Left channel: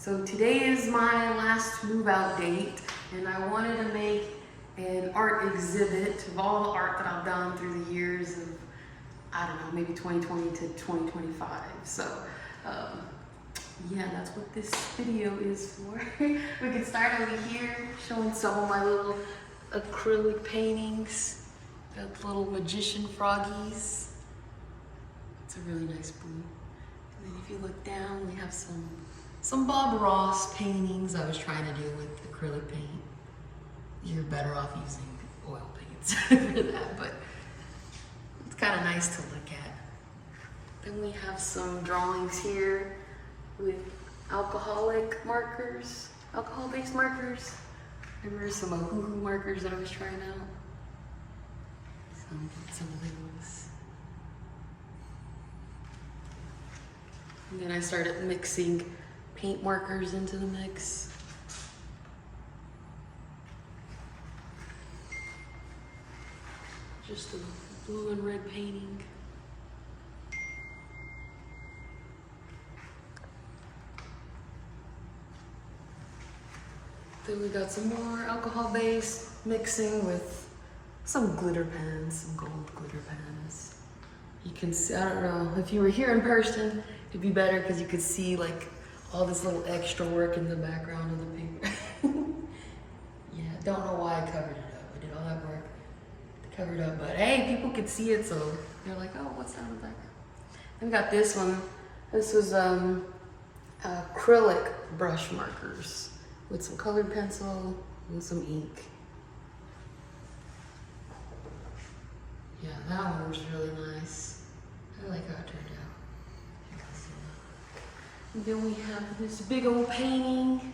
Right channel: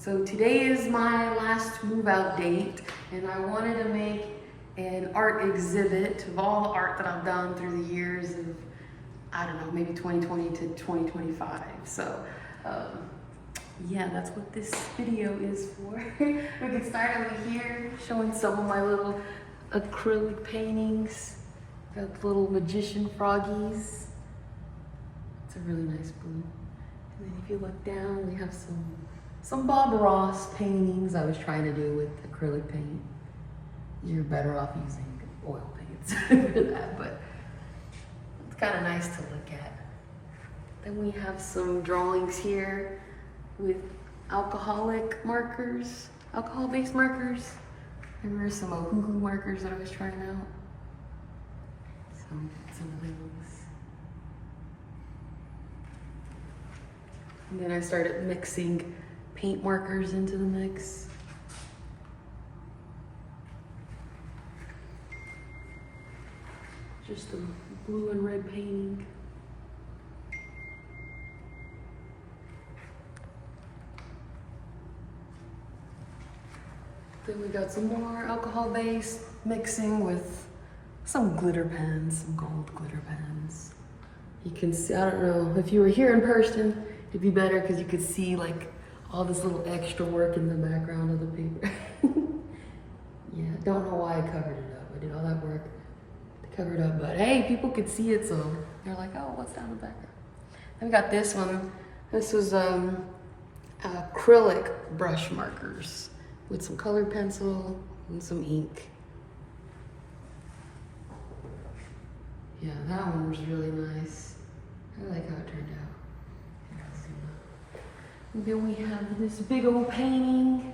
So today is my last move out date, and I wanted to make an art exhibit of all the art that I've done through the years of, I don't know, maybe 2020 to 2025. So yeah, that's what this video is for. We can start over here, showing some of my little acrylic paintings. Got little magician froggies. It's a really nice blue. And then if you look down, we have some Bob Ross paintings I was trying to do with acrylic paint. You're better off using oil paints for that, but it's kind of nice to look at. Then we have some drawings here with alcohol-based markers. Remember some Ohuhu markers I was trying out? Some of those. And then I started mixing paint markers into the mix. Just a blue and red painting. Then we got some more alcohol-based mixing with some glitter pens, some gold glitter pens. You can see, I don't know, if you were here in person, it'd be better because you could see like all this little extra work in the background of the paper. Yeah, don't know why I covered it up. I did all that work to cover it up, but hey, people could see it, so they're like, oh, what's that in the background? Then we got this one. This is acrylic brush markers with some colored pencil and some ink. Yeah, that one was really nice. I like how it turned out. And then we have this big old painting.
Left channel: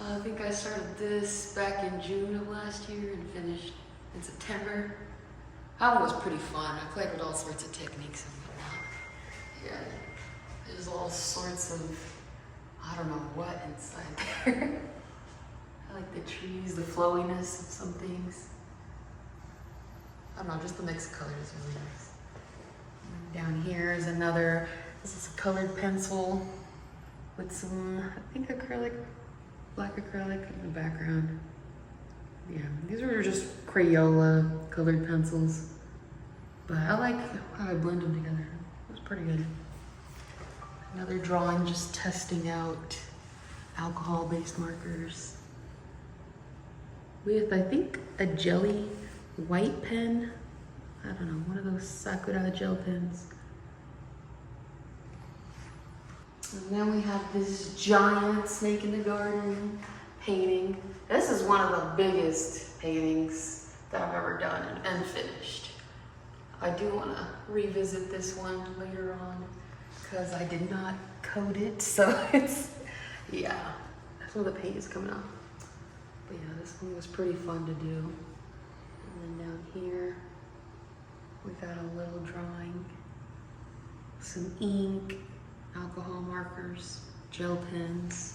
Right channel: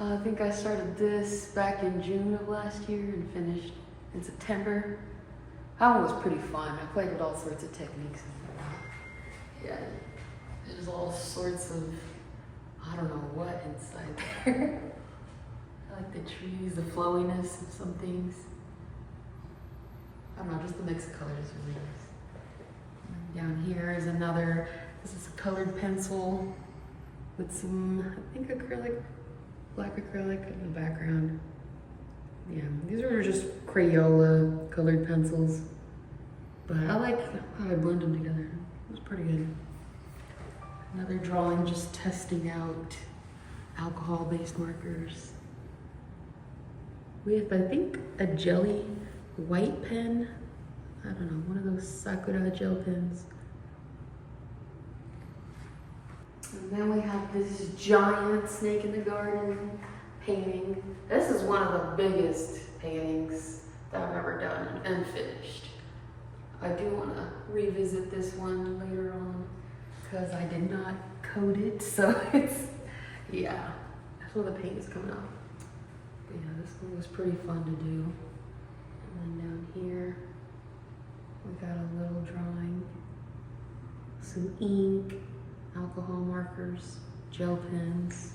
I think I started this back in June of last year and finished in September. That one was pretty fun. I played with all sorts of techniques and whatnot. Yeah, there's all sorts of, I don't know what inside there. I like the trees, the flowiness of some things. I don't know, just the mix of colors is really nice. Down here is another, this is a colored pencil with some, I think acrylic, black acrylic in the background. Yeah, these are just Crayola colored pencils. But I like how I blend them together. It was pretty good. Another drawing just testing out alcohol-based markers with, I think, a jelly white pen. I don't know, one of those Sakura gel pens. And then we have this giant snake in the garden painting. This is one of the biggest paintings that I've ever done and finished. I do want to revisit this one later on because I did not coat it, so it's, yeah, some of the paint is coming off. But yeah, this one was pretty fun to do. And then down here, we got a little drawing, some ink, alcohol markers, gel pens.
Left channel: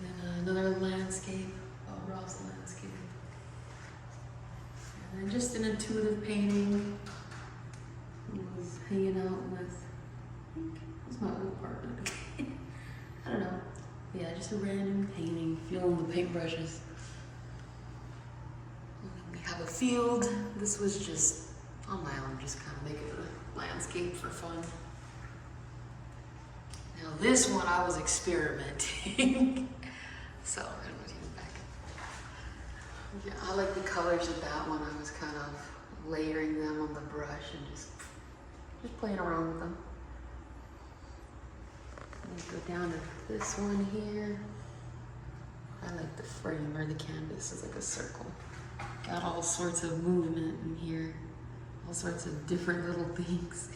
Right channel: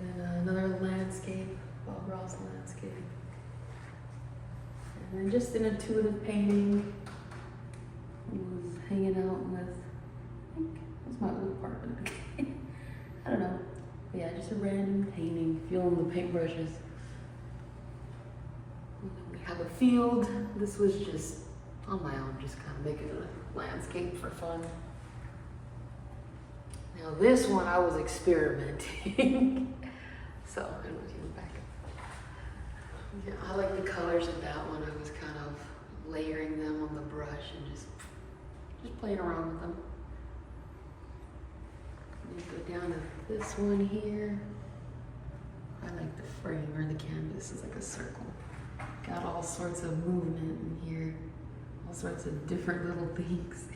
Then another landscape, Bob Ross landscape. And then just an intuitive painting. I was hanging out with, I think that's my old apartment. I don't know. But yeah, just a random painting, feeling the paintbrushes. We have a field. This was just on my own, just kind of making a landscape for fun. Now this one I was experimenting. So I don't know if you look back. Yeah, I like the colors of that one. I was kind of layering them on the brush and just playing around with them. We'll go down to this one here. I like the frame or the canvas is like a circle. Got all sorts of movement in here. All sorts of different little things.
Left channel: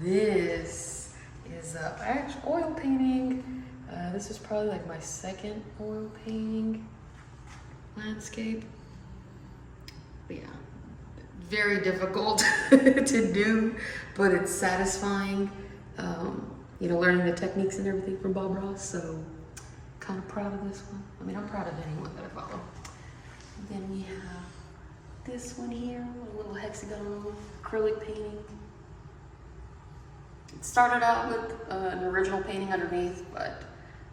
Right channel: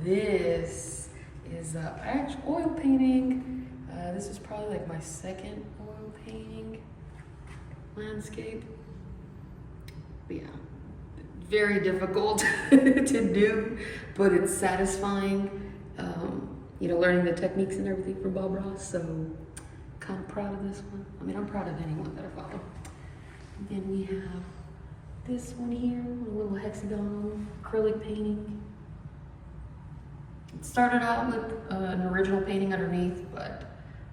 This is actual oil painting. This is probably like my second oil painting landscape. But yeah, very difficult to do, but it's satisfying. You know, learning the techniques and everything from Bob Ross, so kind of proud of this one. I mean, I'm proud of anyone that I follow. And then we have this one here, a little hexagon acrylic painting. It started out with an original painting underneath, but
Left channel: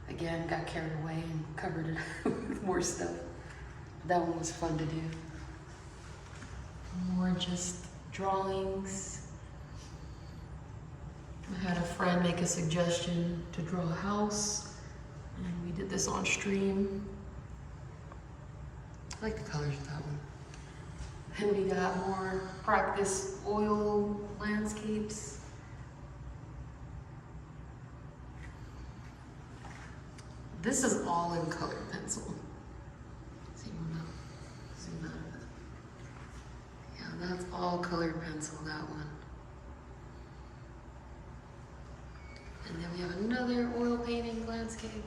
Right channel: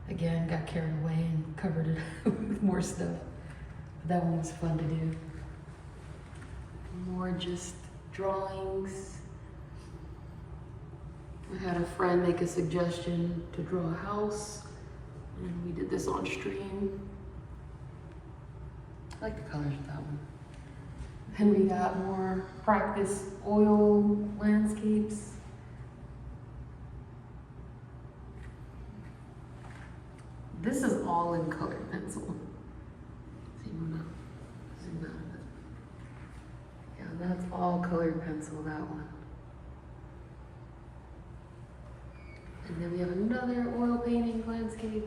again, got carried away and covered it with more stuff. That one was fun to do. More just drawings. I had a friend make a suggestion to draw a house, and we did this on stream. I like the colors of that one. And we got more practice oil landscapes. This is all in colored pencil. So you wanna zoom out of it. Yeah, that's all colored pencil, that one. And then we have another oil painting landscape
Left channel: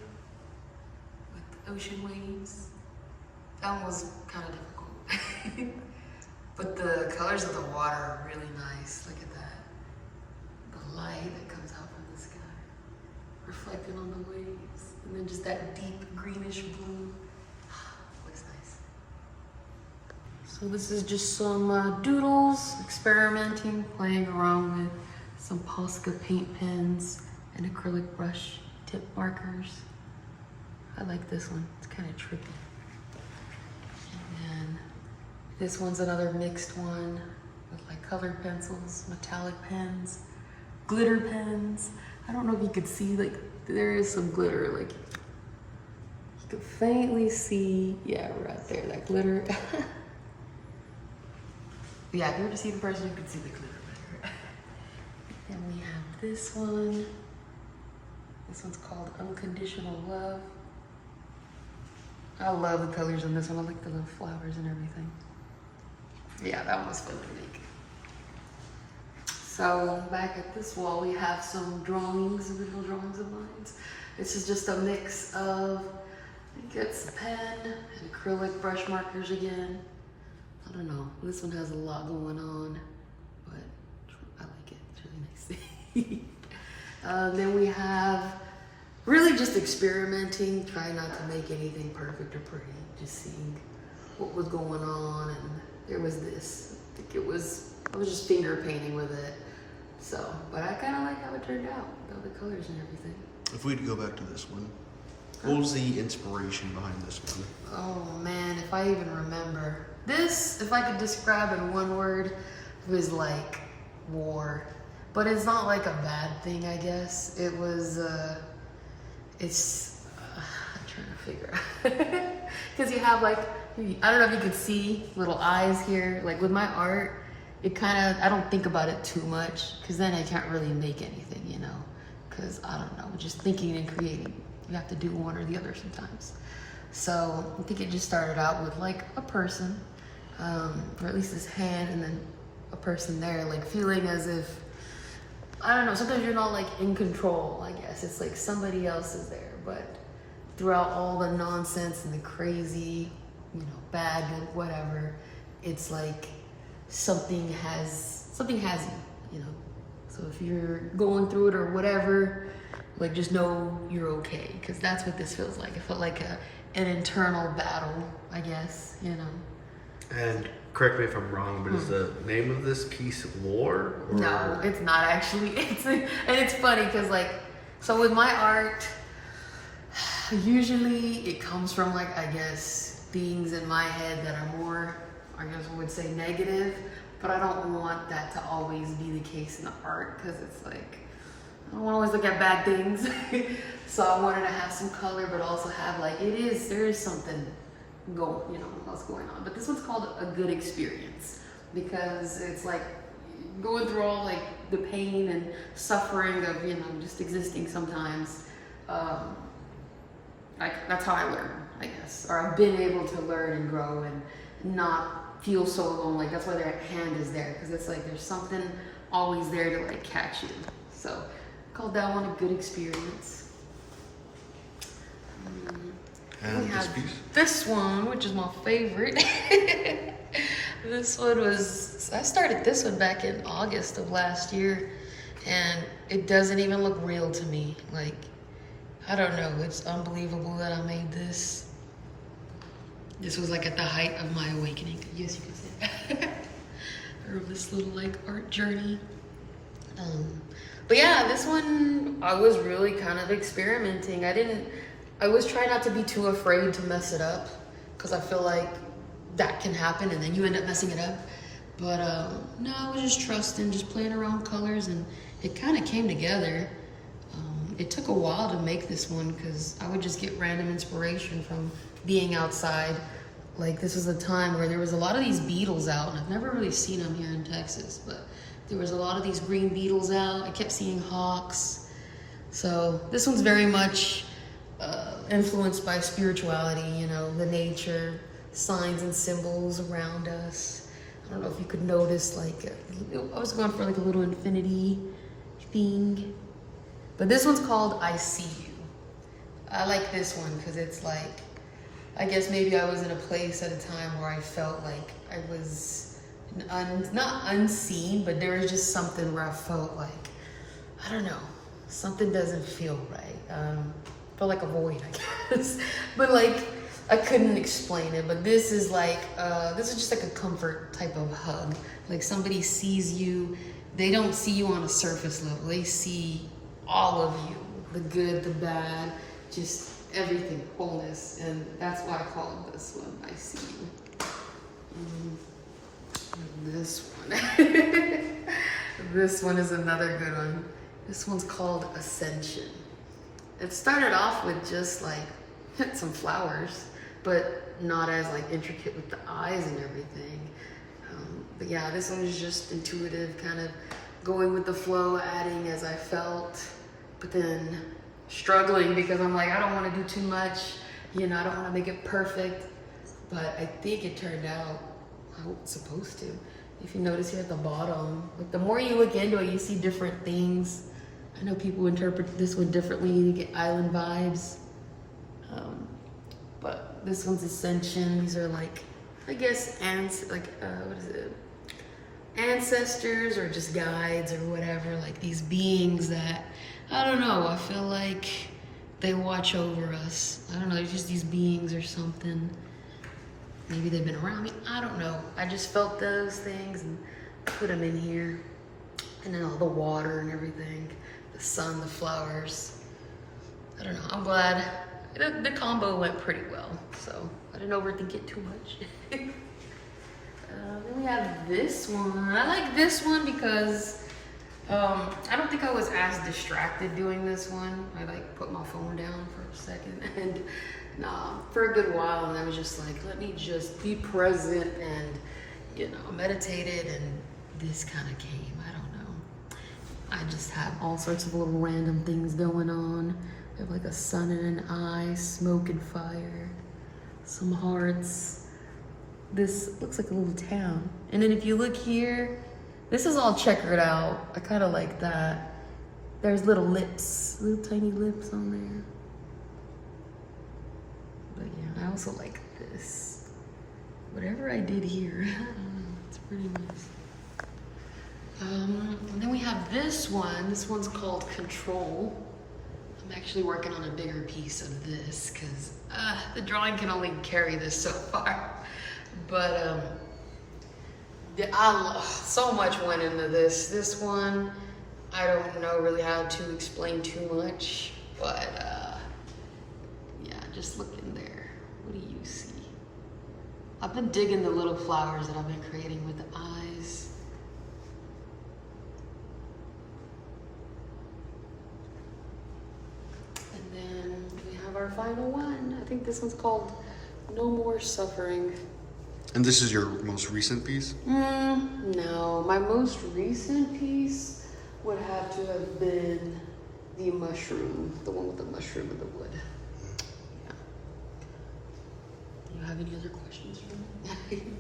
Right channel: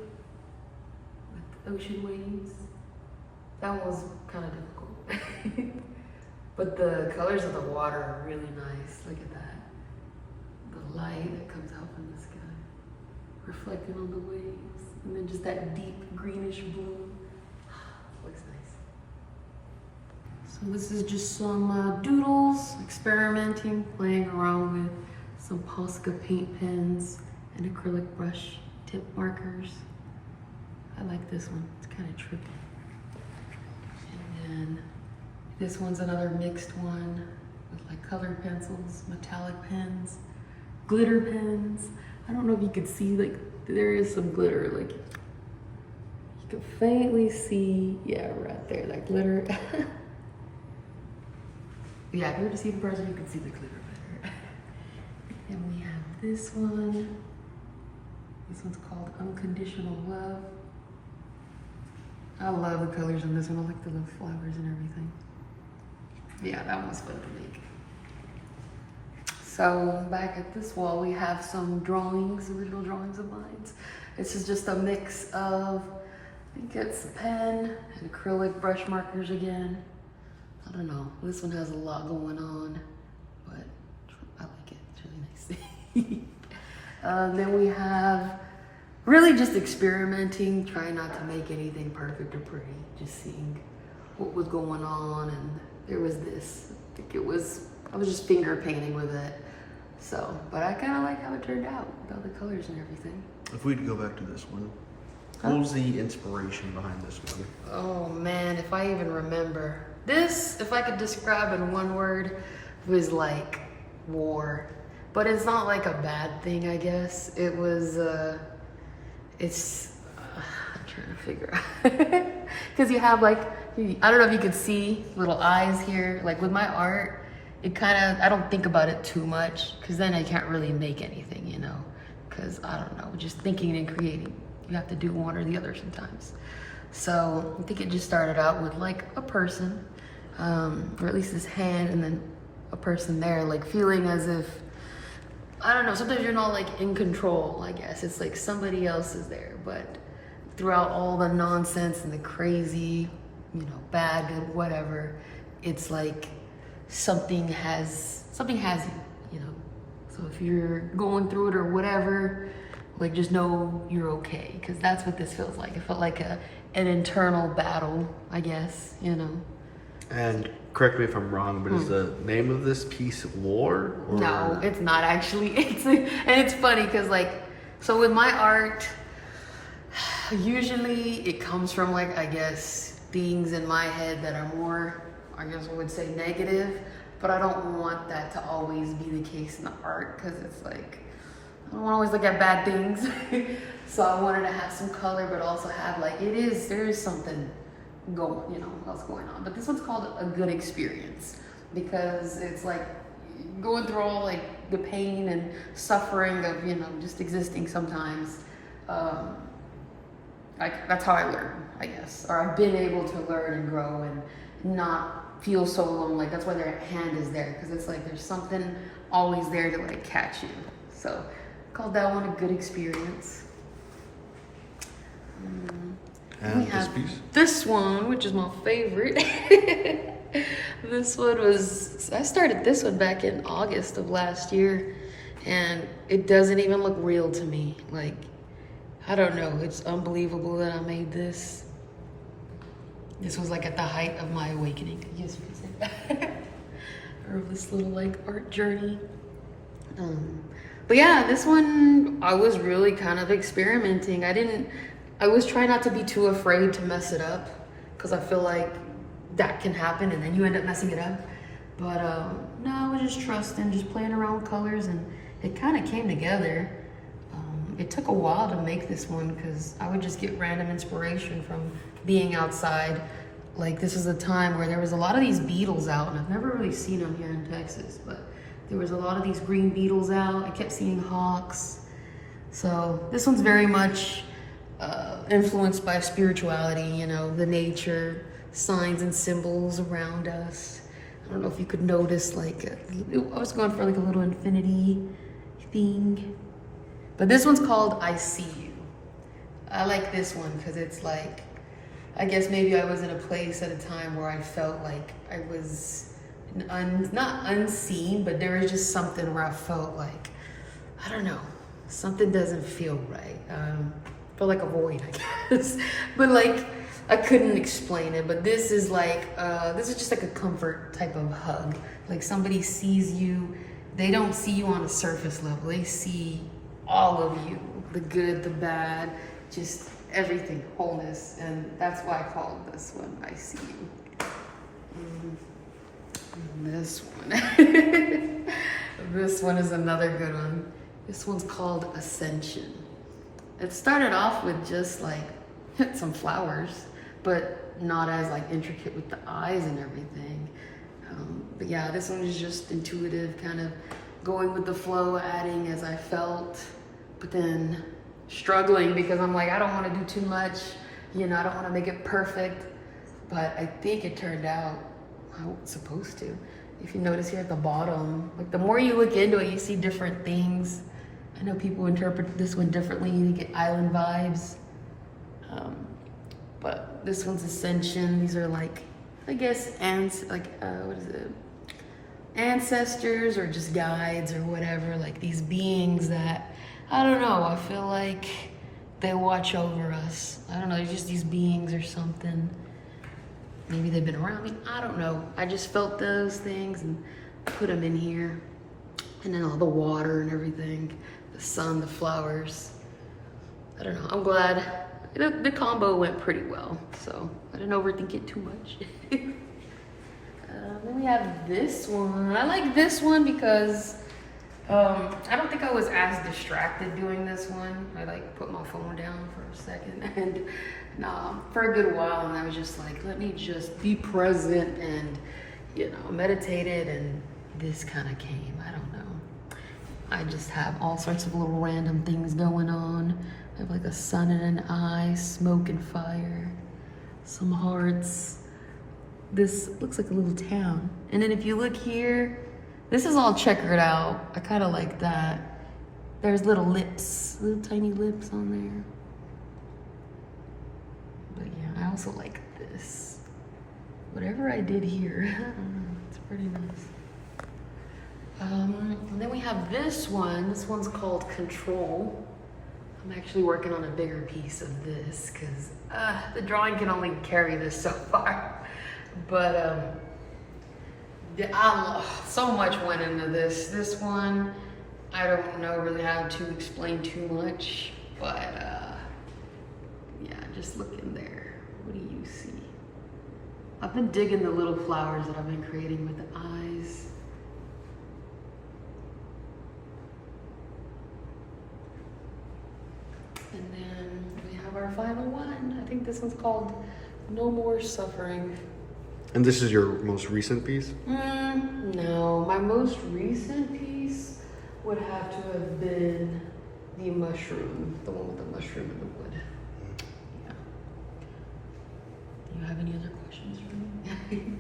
with ocean waves. That one was kind of difficult. But the colors of the water are really nice. Look at that. The light that comes out from the sky, reflecting on the waves. And then just that deep greenish blue. Looks nice. So this is just some doodles, experimenting, playing around with some Posca paint pens and acrylic brush tip markers. I like this one, it's kind of trippy. And then this one's another mixed one with like colored pencils, metallic pens, glitter pens. I don't know if you could see, like, there is some glitter, like, you can faintly see, yeah, right there, that glitter. Yeah, if you were to see the person, you could see the glitter better. Then we have this one. This one's called Unconditional Love. I love the colors in this one. I like the little flowers and everything. Yeah, that one was fun to make. So back at this wall, we have some drawings, original drawings of mine. This is just a mix of, I think it's a pen and acrylic brush markers again. I don't know, this one has a lot going on, but I like it, it's really nice. Then we have really just experimenting, trying not to make anything perfect or pretty, just seeing what was going on. And there was this, I think I was just finger painting with it. So, but I kind of like how it turned out, with all the colors and everything. If we'd go back to this one, what was the inspiration behind this one? Oh man, if I even remember. This, if I could describe in one word, was like war. But it's not like a bad thing, I guess. It was, I'm trying to figure out. Because you have like, I don't know if you can see little eyes here. Like with my art, it kind of, I don't think about it too much, because then I can't really make anything, you know? Because I don't know, just thinking and creating. You have to do one or the other sometimes. So I think it just started out with like a person, or at least his hand, and then a person there, like feeling as if, I don't know, sometimes you're not like in control, I guess. It's like somebody else is there, but throughout all the nonsense and the crazy, you know, bad, good, whatever, it's like something has you know? So if you're going through it or whatever, like just know you're okay, because that's what this feels like. It felt like an internal battle, I guess, you know? And correct me if I'm wrong, but is the name of this piece War? Or? No, it's not actually. And it's funny because like, so with my art, usually it comes from like, I guess, things in my head that are more, I guess I would say negative, but I don't want that to always be the case in the art, because it's like, I don't always look at bad things. So I wanted to have some color, but also have like, there is something going, you know, else going on. But this one's called A Good Experience, because it's like going through all like the pain and suffering of, you know, just existing sometimes. That's how I learn, I guess. Or I've been able to learn and grow and not feel so alone. Like that's why their hand is there, because it's like there's something always there to like catch you. So called that one A Good Experience. And this piece? This one, which is my favorite. This one was, I started this one back in August of last year, and it doesn't even look real to me. Like, I don't know, it's unbelievable that I made this. This was like at the height of my awakening, I guess you could say. this little like art journey. But yeah, this one I was really kind of experimenting. I was trying not to be too afraid to mess it up, because I feel like that can happen and then you end up messing it up. But no, I was just trusting, just playing around with colors, and it kind of came together. It took a while to make this one because I would just get random inspiration from being outside. Like, this is a time where there was a lot of these beetles out, and I've never really seen them here in Texas, but there was a lot of these green beetles out. I kept seeing hawks. So this one's very much influenced by spirituality, you know, the nature, signs and symbols around us. I don't know if you could notice, like, I was going for like a little infinity thing. But this one's called I See You. I like this one because it's like, I guess maybe I was in a place at a time where I felt like I was not unseen, but there was just something where I felt like, I don't know, something doesn't feel right. Felt like a void, I guess. But like, I couldn't explain it. But this is like, this is just like a comfort type of hug. Like, somebody sees you, they don't see you on a surface level. They see all of you, the good, the bad, just everything, wholeness. And that's why I called this one I See You. And this one. This one is another good one. This one's called Ascension. It started off with just like some flowers, but not as like intricate with the eyes and everything. But yeah, this one is just intuitive, kind of going with the flow, adding as I felt, but then struggling because I'm like, I don't want to do too much, you know, I don't want to make it perfect, but I think it turned out how it's supposed to. If you notice here at the bottom, like the more you look into it, you see different things. I know people interpret this one differently, you get island vibes, but this one's Ascension. These are like, I guess, what is it? Ancestors or just guides or whatever, like these beings that, I don't know, I feel like they watch over us. I don't know, just these beings or something. Maybe they've been around me, I don't know. I just felt those things and put them in here. And then all the water and everything, the sun, the flowers. I don't know, I'm glad. The combo went pretty well, so I didn't overthink it too much. Then we have this one. I like this one because I don't think I was as distracted doing this one. I like put my phone down for a second and for a good while, and I was just like, let me just be present and, you know, meditated, and this kind of came. I don't know. I just have all sorts of little random things going on. I have like a sun and an eye, smoke and fire, some hearts. This looks like a little town. And then if you look here, this is all checkered out. I kind of like that. There's little lips, little tiny lips on there. But yeah, I also like this. Whatever I did here, it's pretty nice. And then we have this one. This one's called Control. I'm actually working on a bigger piece of this because the drawing can only carry this so far. But so much went into this. This one, I don't know really how to explain too much, but yeah, just look in there. What do you see? I've been digging the little flowers that I've been creating with the eyes. And then we have our final one. I think this one's called No More Suffering. And this is your most recent piece? No, my most recent piece would have to have been the mushroom, the one with the mushroom in the wood. Yeah. Do you have any other questions for me?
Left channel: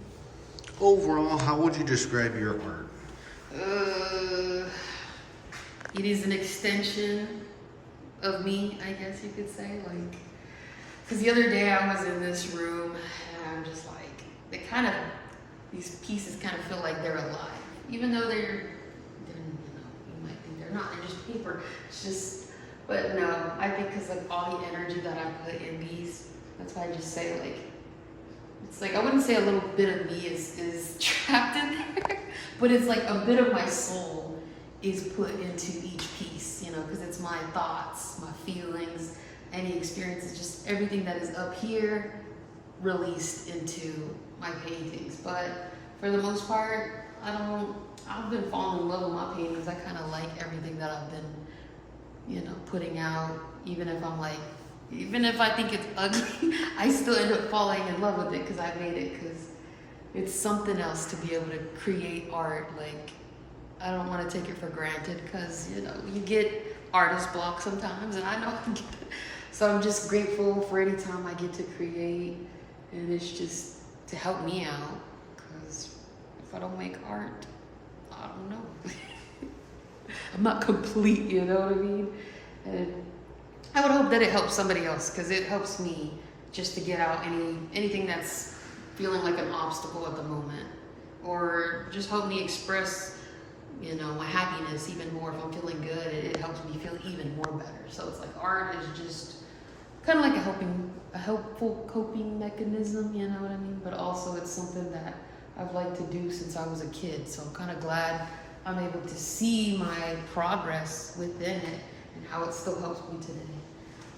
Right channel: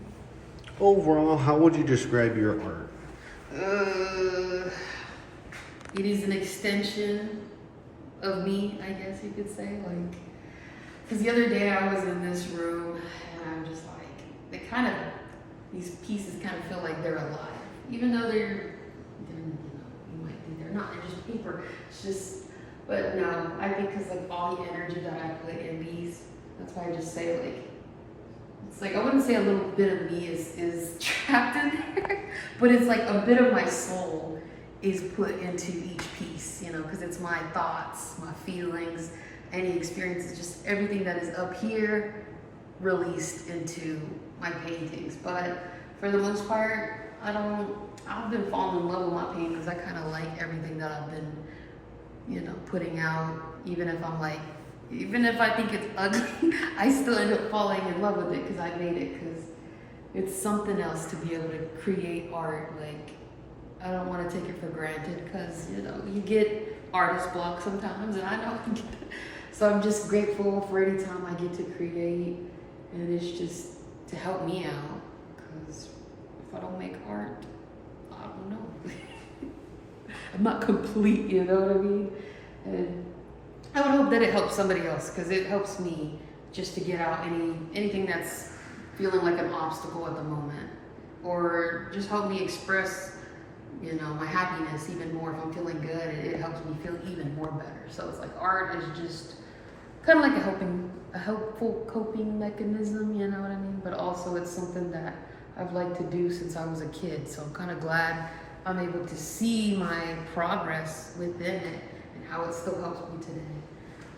Overall, how would you describe your art? It is an extension of me, I guess you could say. Like, because the other day I was in this room and I'm just like, these pieces kind of feel like they're alive, even though you might think they're not. They're just paper. It's just, but no, I think because like all the energy that I put in these, that's why I just say like, it's like I wouldn't say a little bit of me is trapped in there, But it's like a bit of my soul is put into each piece, you know, because it's my thoughts, my feelings, any experiences, just everything that is up here released into my paintings. But for the most part, I've been falling in love with my paintings. I kind of like everything that I've been, you know, putting out. Even if I think it's ugly, I still end up falling in love with it because I made it, because it's something else to be able to create art. Like, I don't want to take it for granted, because, you know, you get artist block sometimes, and I know I get it. So I'm just grateful for any time I get to create, and it's just to help me out, because if I don't make art, I don't know. I'm not complete, you know what I mean? And I would hope that it helps somebody else, because it helps me just to get out anything that's feeling like an obstacle at the moment, or just help me express, you know, my happiness even more. If I'm feeling good, it helps me feel even more better. So it's like art is just kind of like a helpful coping mechanism, you know what I mean? But also it's something that I've liked to do since I was a kid. So I'm kind of glad I'm able to see my progress within it and how it still helps me today.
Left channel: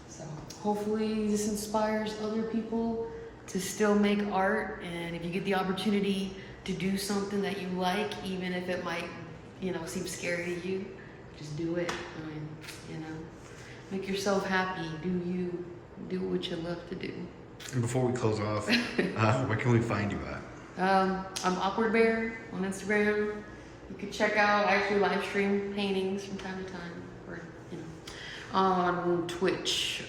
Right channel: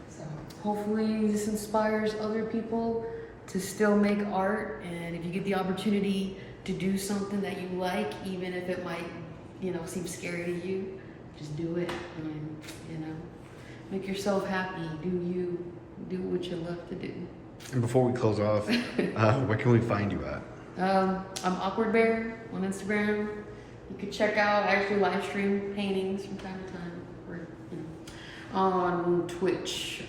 So hopefully this inspires other people to still make art. And if you get the opportunity to do something that you like, even if it might, you know, seem scary to you, just do it. I mean, you know, make yourself happy. Do you. Do what you love to do. And before we close off, where can we find you at? I'm Awkward Bear on Instagram. You could check out, I actually live stream paintings from time to time. Or, you know, on Twitch,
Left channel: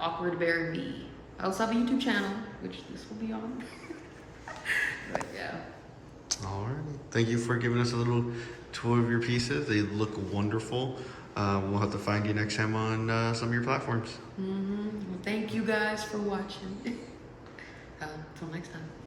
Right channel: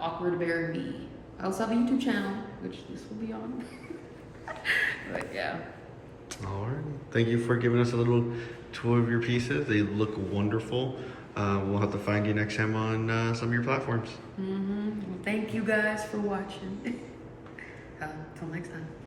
Awkward Bear V. I also have a YouTube channel, which this will be on. But yeah. All right. Thank you for giving us a little tour of your pieces. They look wonderful. We'll have to find you next time on some of your platforms. Well, thank you guys for watching. Until next time.